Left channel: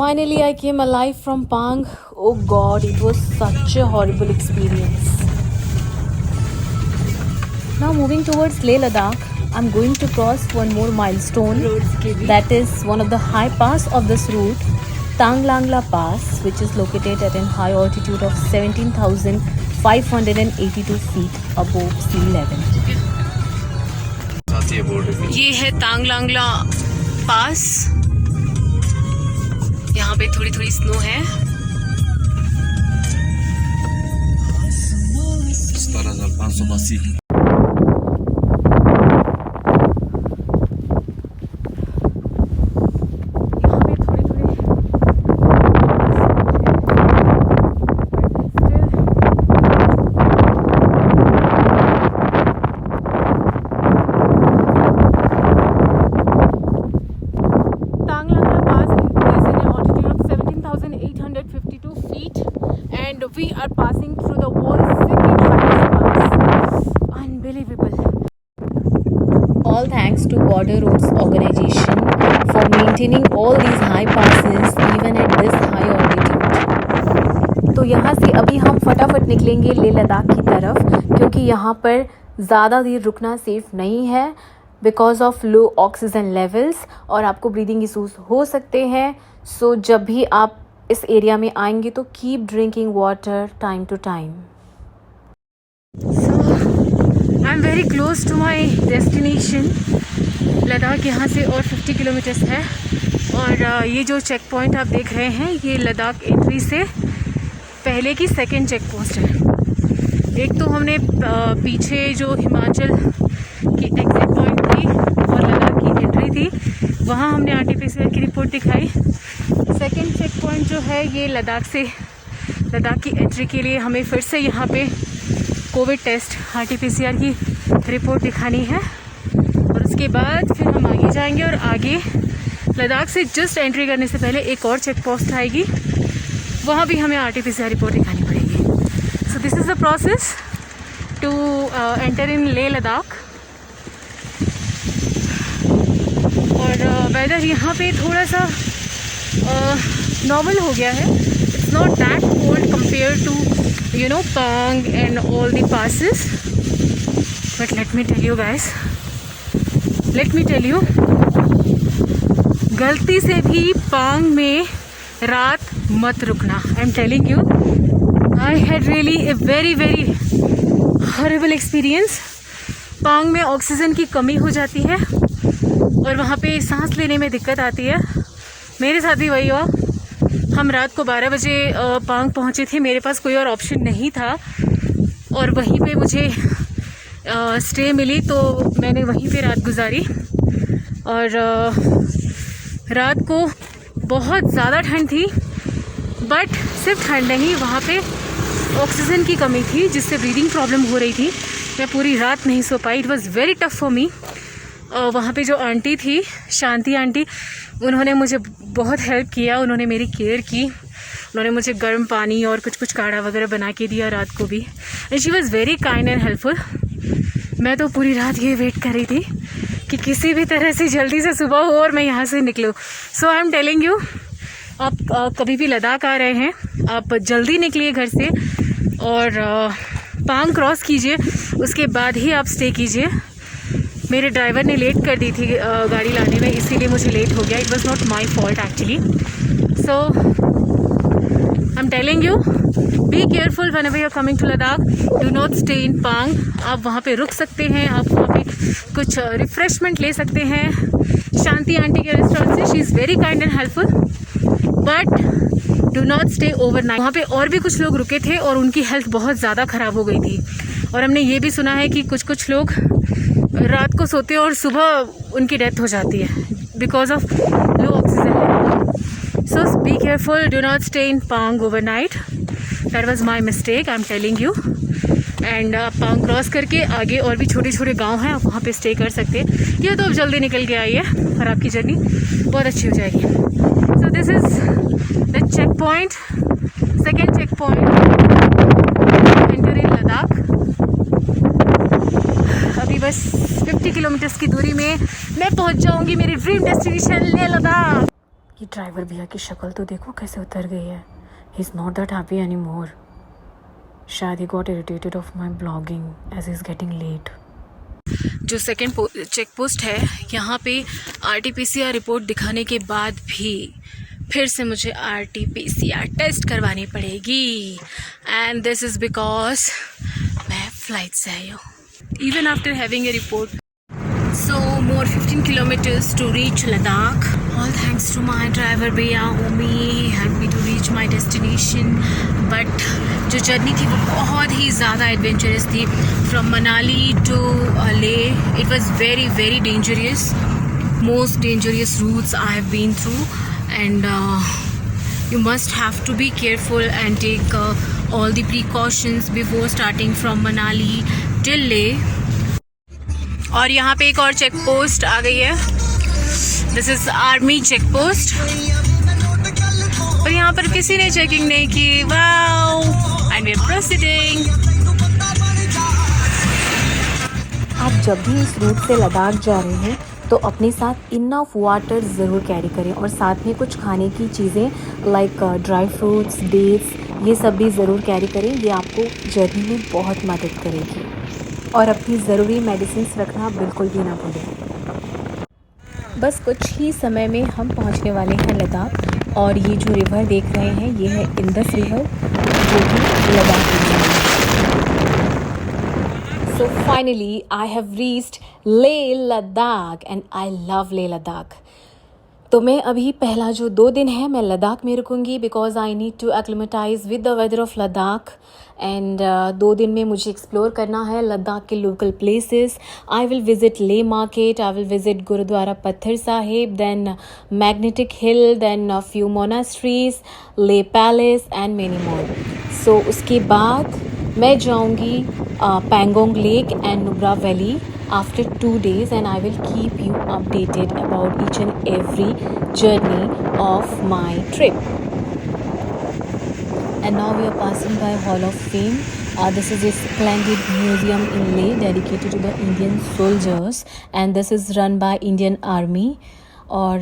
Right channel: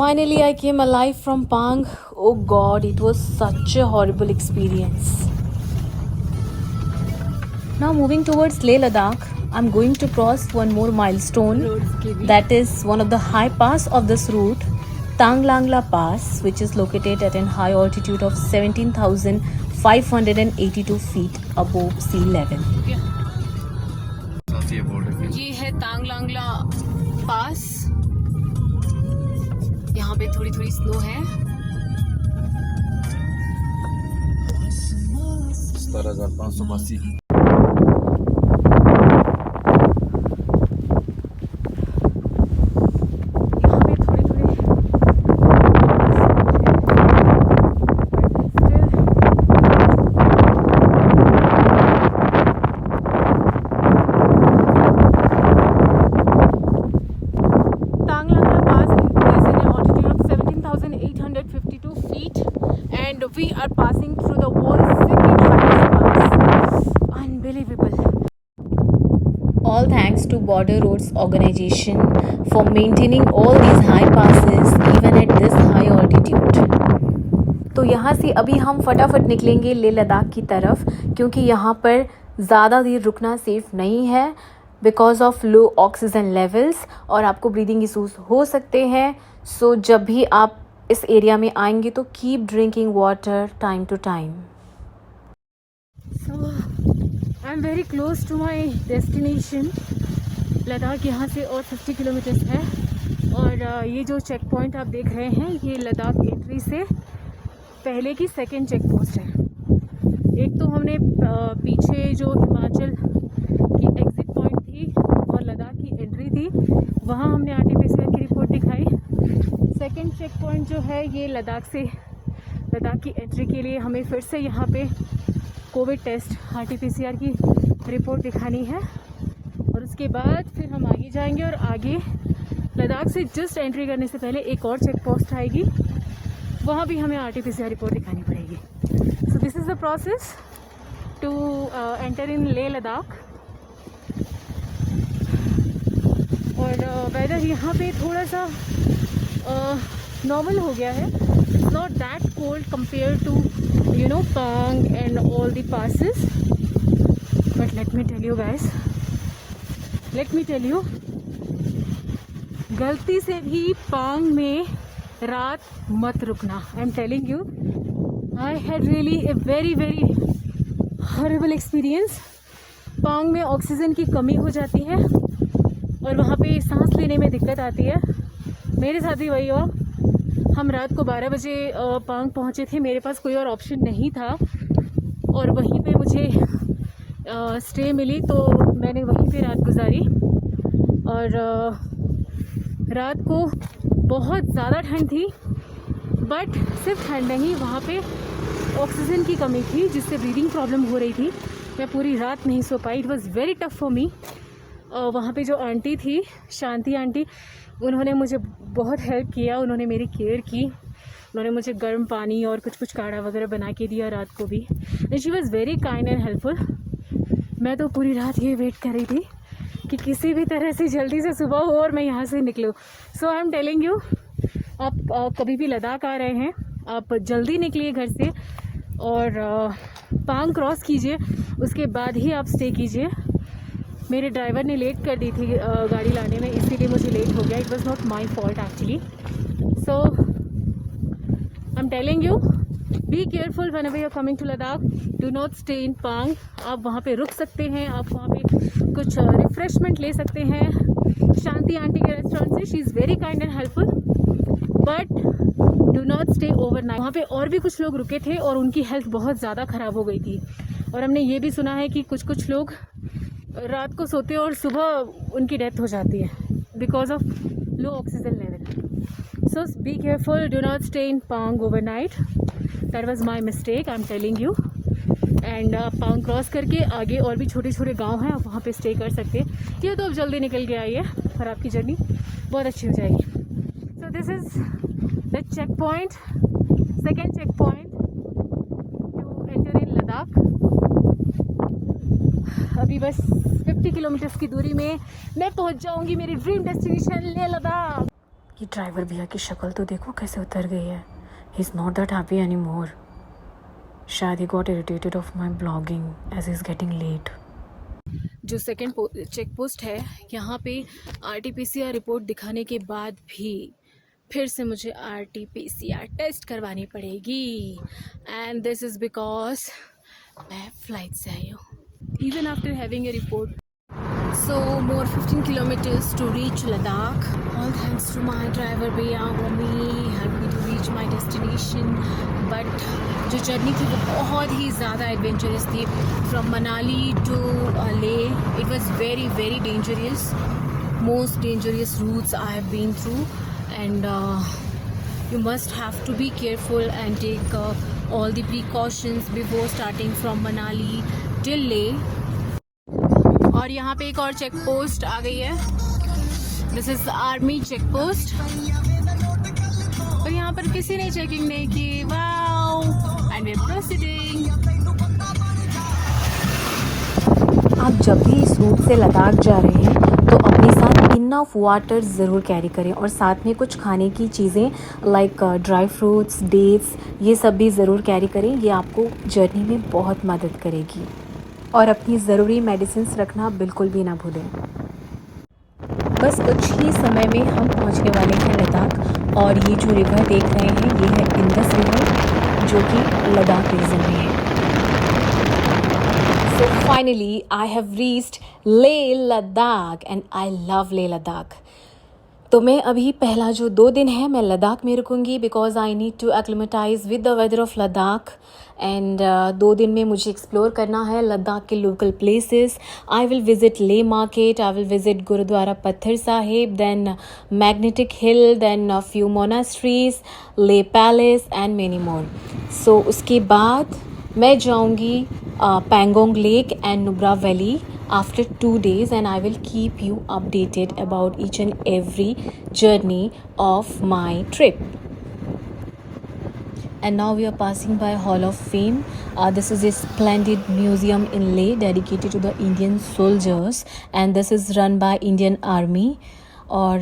Finally, I came alive from Pang. Oh god, it was such a horrible experience. Now, moving towards Leh Ladakh, I'm going to cross one more milestone. That is one of the high pass of this route, Tanglangla Pass, which is located at a high altitude of 17,582 feet above sea level. ये है तांगलांगला पास. यहाँ पे थोड़ी थोड़ी snow है. 17,582. We are passing through the world's second highest pass. Unbelievable. All thanks to Border Roads Organization for maintaining all these high passes even at this high altitude. तो यहाँ से अभी हम फटाफट निकलेंगे लेह लद्दाख की तरफ, क्योंकि यहाँ पर ज़्यादा देर रुकना सेफ नहीं है because of low oxygen levels और आपको ब्रीदिंग इशूज़ हो सकते हैं. सो जब भी आप इस एरिया में आएंगे तो keep drinking water time to time. So I am very close to my destination. Ladakh यहाँ से और 50 किलोमीटर्स है. और ये जो चेक पॉइंट आप देख रहे हैं, ये लद्दाख एंट्री से पहले की सेकेंड चेक पोस्ट है. एक तो हमने पीछे जो हिमाचल की एग्जिट पॉइंट थी और लद्दाख की एंट्री थी, वहाँ हमने RT-PCR की रिपोर्ट दिखाई. सेकेंड चेक पॉइंट जो है, ये लद्दाख की एंट्री के लिए हमें फिर से यहाँ पे कोविड टेस्ट RT-PCR की रिपोर्ट दिखानी है. और उसके बाद फिर हम आगे जाएंगे और आगे लद्दाख से जस्ट एंट्री करने से पहले एक और चेक पोस्ट आएगी, वहाँ भी हमें RT-PCR रिपोर्ट दिखानी पड़ेगी. So this is the process to enter in Leh Ladakh. और वेदर यहाँ पे थोड़ा सा नॉर्मल हो गया है. It's not that cold compare to Pang and all the passes. But let me tell you guys, गलती से भी Pang में रात मत रुकना. आई am telling you, I had really a very very horrible experience. Pang में ऑक्सीजन की कमी हो जाती है और वहाँ पे सांस लेने में दिक्कत आती है. मेरे साथ भी वही हुआ. हम रात को 12 बजे Pang पहुँचे थे. मेरे पास कोई और ऑप्शन नहीं था और वहीं पे मुझे स्टे मिली, तो मैंने वहीं पे रात गुजारी. और रात को बहुत ज़्यादा ठंड थी, बट सिर्फ ठंड नहीं, वहाँ पे ऑक्सीजन की कमी थी जिससे ब्रीदिंग प्रॉब्लम हो रही थी. मैं पूरी रात नहीं सो पाई. It was very tough for me. वहाँ पे जो आंटी थी, शांति आंटी, उन्होंने मुझे बहुत हेल्प किया. उन्होंने मेरी केयर की. उन्होंने मुझे गर्म पानी और कुछ काढ़ा वगैरह बना के दिया रात को भी. And she was very kind and helpful. मैं तो पूरी रात ये वेट कर रही थी कि किसी भी तरह से जल्दी से सुबह हो और मैं यहाँ से निकलूँ. सो आई एम टेलिंग यू, आप कभी भी लद्दाख आ रहे हैं, आप जल्दी निकलिए घर से और Pang क्रॉस कीजिए, उसके बाद ही आप स्टे कीजिए. मेरे ड्राइवर ने लेट कर दी थी गाड़ी लाने में, इसीलिए मुझे लेट हो गया. It was not my fault actually. So I am telling you, be careful whenever you are coming to Ladakh. Do not stay in Pang. आप वहाँ पे रुक सकते हैं, आप वहाँ पे कुछ रिफ्रेशमेंट ले सकते हैं शांति आंटी के रेस्टोरेंट से. She is very kind and helpful, but do not stay overnight. वहाँ पे और भी कुछ लोग रुके थे और उनकी हेल्थ बहुत ज़्यादा ख़राब हो गई थी. और हमने ये भी सुना है कि कुछ लोग रात को सोते हैं और सुबह उनकी डेथ हो जाती है because of low oxygen. So be careful, do not stay in Pang overnight. That was my mistake, I am telling you. And Pang cross करके आगे और भी छोटे छोटे गांव हैं, आप वहाँ पे स्टे कर सकते हैं. या तो आप जल्दी निकल के आइए और आपकी जर्नी बहुत अच्छी हो जाएगी. So this is the check point, second check point enter in Ladakh. अभी बस 50 किलोमीटर्स की दूरी में मैं पहुंच जाऊंगी मेरी ड्रीम डेस्टिनेशन लेह लद्दाख. ये ड्राइवर भैया की शक्ल तो देखो कैसे उतर गई है. He is not that happy any more. शायद he got irritated of my blogging as is getting late. जो सेकेंड चेक पोस्ट है यहाँ पे RT-PCR रिपोर्ट दिखाने के बाद भी फिर से मुझे RT-PCR टेस्ट करवानी पड़ेगी. एंड दिस इज़ बिकॉज मैं फ्लाइट से आई हूँ. Even after having a report. So more 15 kilometers to reach Ladakh. All thanks to my driver भैया Omi helped me to reach my destination. But जो journey थी वो बहुत ही ज़्यादा एडवेंचरस थी. From Manali to Leh, it was very very dangerous. Most dangerous routes I have been through, and you must have to be careful and take all the precautions before starting from Manali till Leh. और यहाँ पे एक और check post आ गई है. This is army check post. और यहाँ पर किसी ने चेकिंग नहीं की. Wow, and we are proceeding. आप जब भी इस रूट से लद्दाख जा रहे हैं तो अपने साथ इनफ वाटर ज़रूर कैरी करें और साथ में कुछ खाने की चीज़ें लाइक ड्राई फ्रूट्स, डेट्स, ये सब भी ज़रूर कैरी करें. ये आपको जर्नी में बहुत मदद करेगी. और अपनी ज़रूरी मेडिसिन्स रखना बिल्कुल भी ना भूलें. बस कुछ ही समय में हम पहुंचने वाले हैं लद्दाख. और ये जो रिवर देख रहे हैं ये है इंडस रिवर जो कि लद्दाख रीजन में है. So finally I have reached Leh Ladakh and I love Leh Ladakh. तो मैं अभी पहला जो 2 दिन है मैं लद्दाख में रुकूंगी because I need to acclimatise with the weather of Ladakh. And 2 दिन में मुझे एक्सप्लोर करना है लद्दाख के local places. I will visit Leh market, I will visit Gurudwara Pathar Sahib, then magnetic hill, then few monasteries, Leh palace and many more. So उसके बाद मैं जाऊंगी Pangong lake and Nubra valley after 2 days, and I will keep you updated about each and every journey of my trip. And now we are passing by Hall of Fame. This is a splendid museum in Leh dedicated to the Indian soldiers, and this is run by Indian Army. Or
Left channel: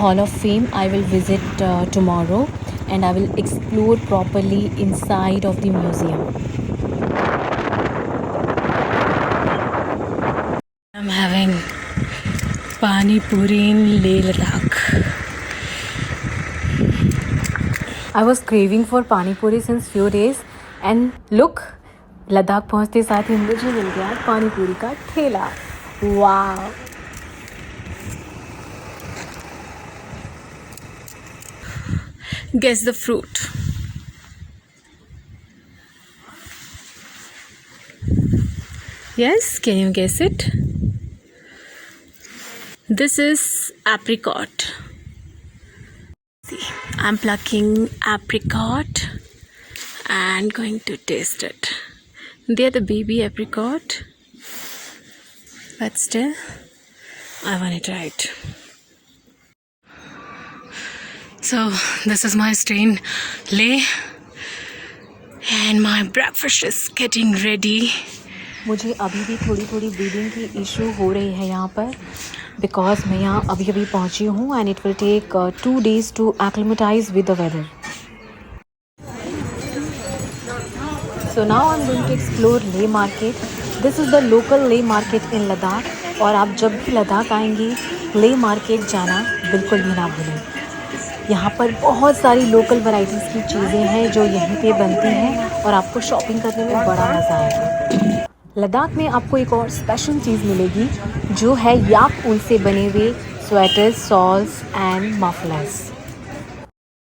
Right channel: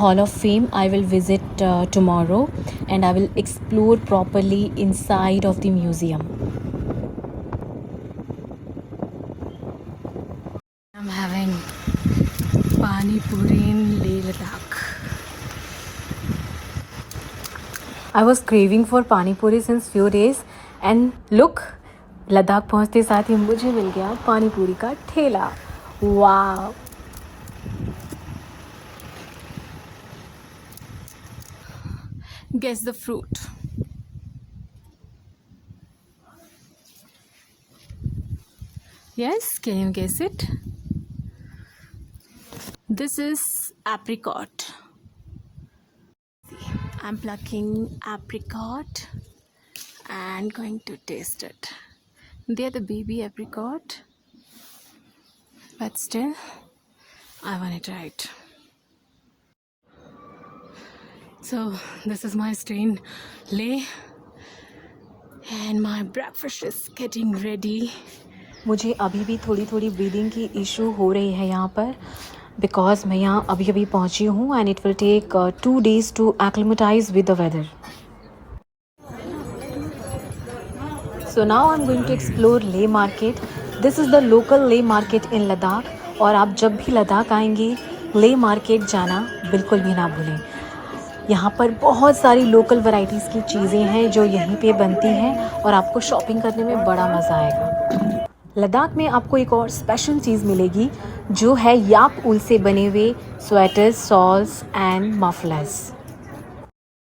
Hall of Fame I will visit tomorrow, and I will explore properly inside of the museum. I'm having Pani Puri in Leh Ladakh. I was craving for Pani Puri since few days, and look, Ladakh पहुंचते साथ ही मुझे मिल गया पानी पूरी का ठेला. वाव. Guess the fruit. Yes, can you guess it? This is apricot. See, I'm plucking apricot and going to taste it. They're the baby apricot, but still, I want to try it. So, this is my stay in Leh, and my breakfast is getting ready. मुझे अभी भी थोड़ी थोड़ी breathing की issue हो रही है यहाँ पर बिकॉज मैं यहाँ अभी अभी पहुँची हूँ and it will take 2 days to acclimatise with the weather. So now I am going to explore Leh market. This is the local Leh market in Ladakh. और आप जब भी लद्दाख आएंगे ले मार्केट जाना बिल्कुल भी ना भूलें. यहाँ पर बहुत सारी लोकल वैरायटीज़ की चीज़ें हैं जो यहीं पे बनती हैं और आपको शॉपिंग करने में बड़ा मज़ा आएगा. लद्दाख में आपको एक और स्पेशल चीज़ मिलेगी जो है याक ऊल से बने हुए sweaters, shawls and mufflers.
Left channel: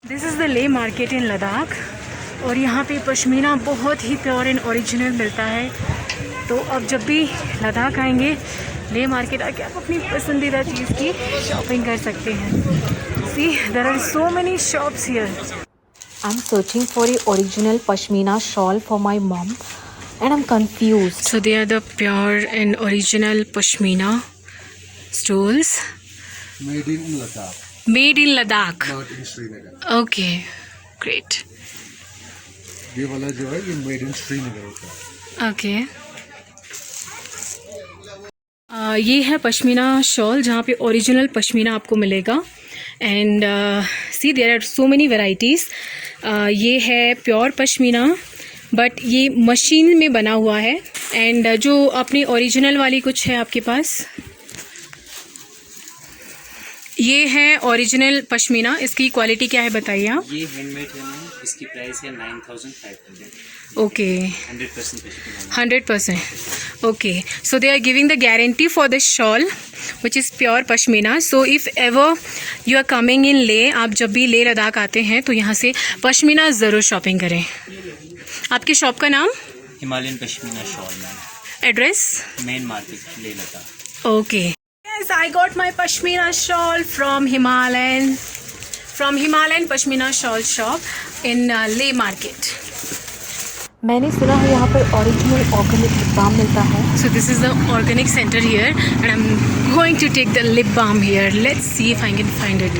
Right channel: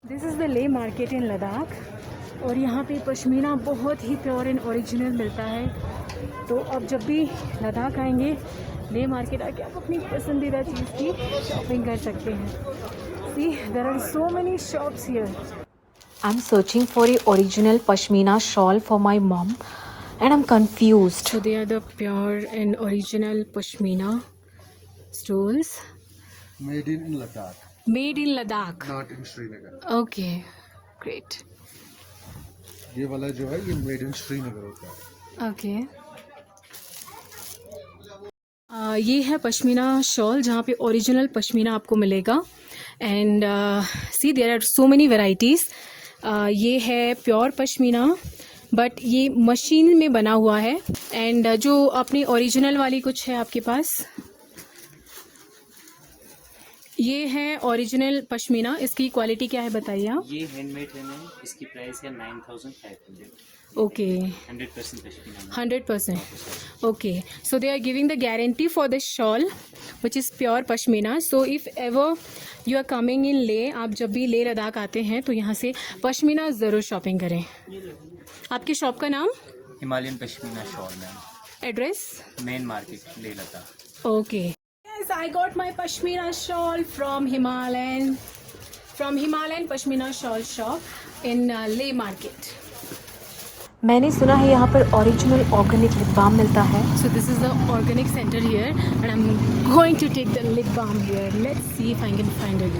This is the ले मार्केट इन लद्दाख. और यहाँ पे पश्मीना बहुत ही प्योर एंड ओरिजिनल मिलता है. तो अब जब भी लद्दाख आएंगे ले मार्केट आके आप अपनी पसंदीदा चीज़ की शॉपिंग कर सकते हैं. See there are so many shops here. I am searching for a original pashmina shawl for my mom and I'm confused. So they are the pure and original pashmina stoles. Made in Ladakh. Made in Ladakh. Not in Srinagar. Okay, great. ये वाला जो है ये made in Srinagar होता है. Okay. ये है pashmina shawl जहाँ पे ओरिजिनल पश्मीना आपको मिलेगा. And see there are so many varieties. ये है प्योर पश्मीना, बट ये मशीन में बना हुआ है. एंड जो अपनी ओरिजिनल वाली कुछ है आपके पास, ये है ओरिजिनल पश्मीना. इसकी क्वालिटी क्या है बताइए आप. ये हैंडमेड है मैम, इसकी प्राइस है 9500. Okay, 100% pashmina. 100%. Okay, so they are giving the guarantee for the shawl which is pure pashmina. So if ever you are coming in Leh, आप जब भी लेह लद्दाख आते हैं तो यहाँ से पश्मीना ज़रूर शॉपिंग करें. आपके शॉप का नाम, Himalayan pashmina shawl ma'am, address. Main market Leh Ladakh. Okay. Yes, I got my pashmina shawl from Himalayan Pashmina Shawl Shop in Leh Market. मैंने सुना है यहाँ पर ओरिजिनल ऑर्गेनिक लिप बाम मिलता है. So this is the organic center here, and I'm going to take the lip balm here. Let's see if I can find it.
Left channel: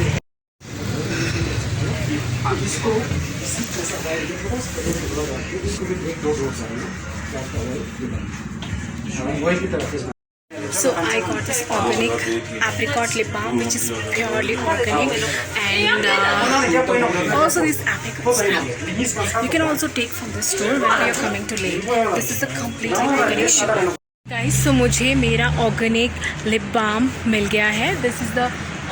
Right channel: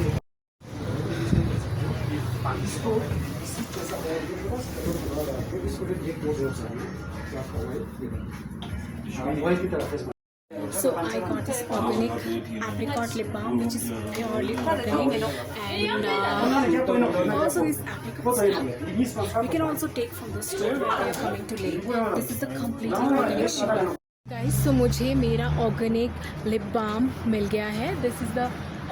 So I got this organic apricot lip balm, which is purely organic, and also this apricot syrup you can also take from the store when you're coming to Leh. This is a completely organic shop. Guys, so मुझे मेरा organic lip balm मिल गया है. This is the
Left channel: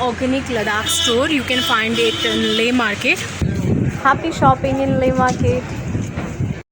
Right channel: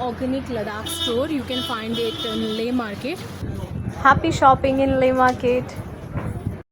organic Ladakh store. You can find it in Leh Market. Happy shopping in Leh Market.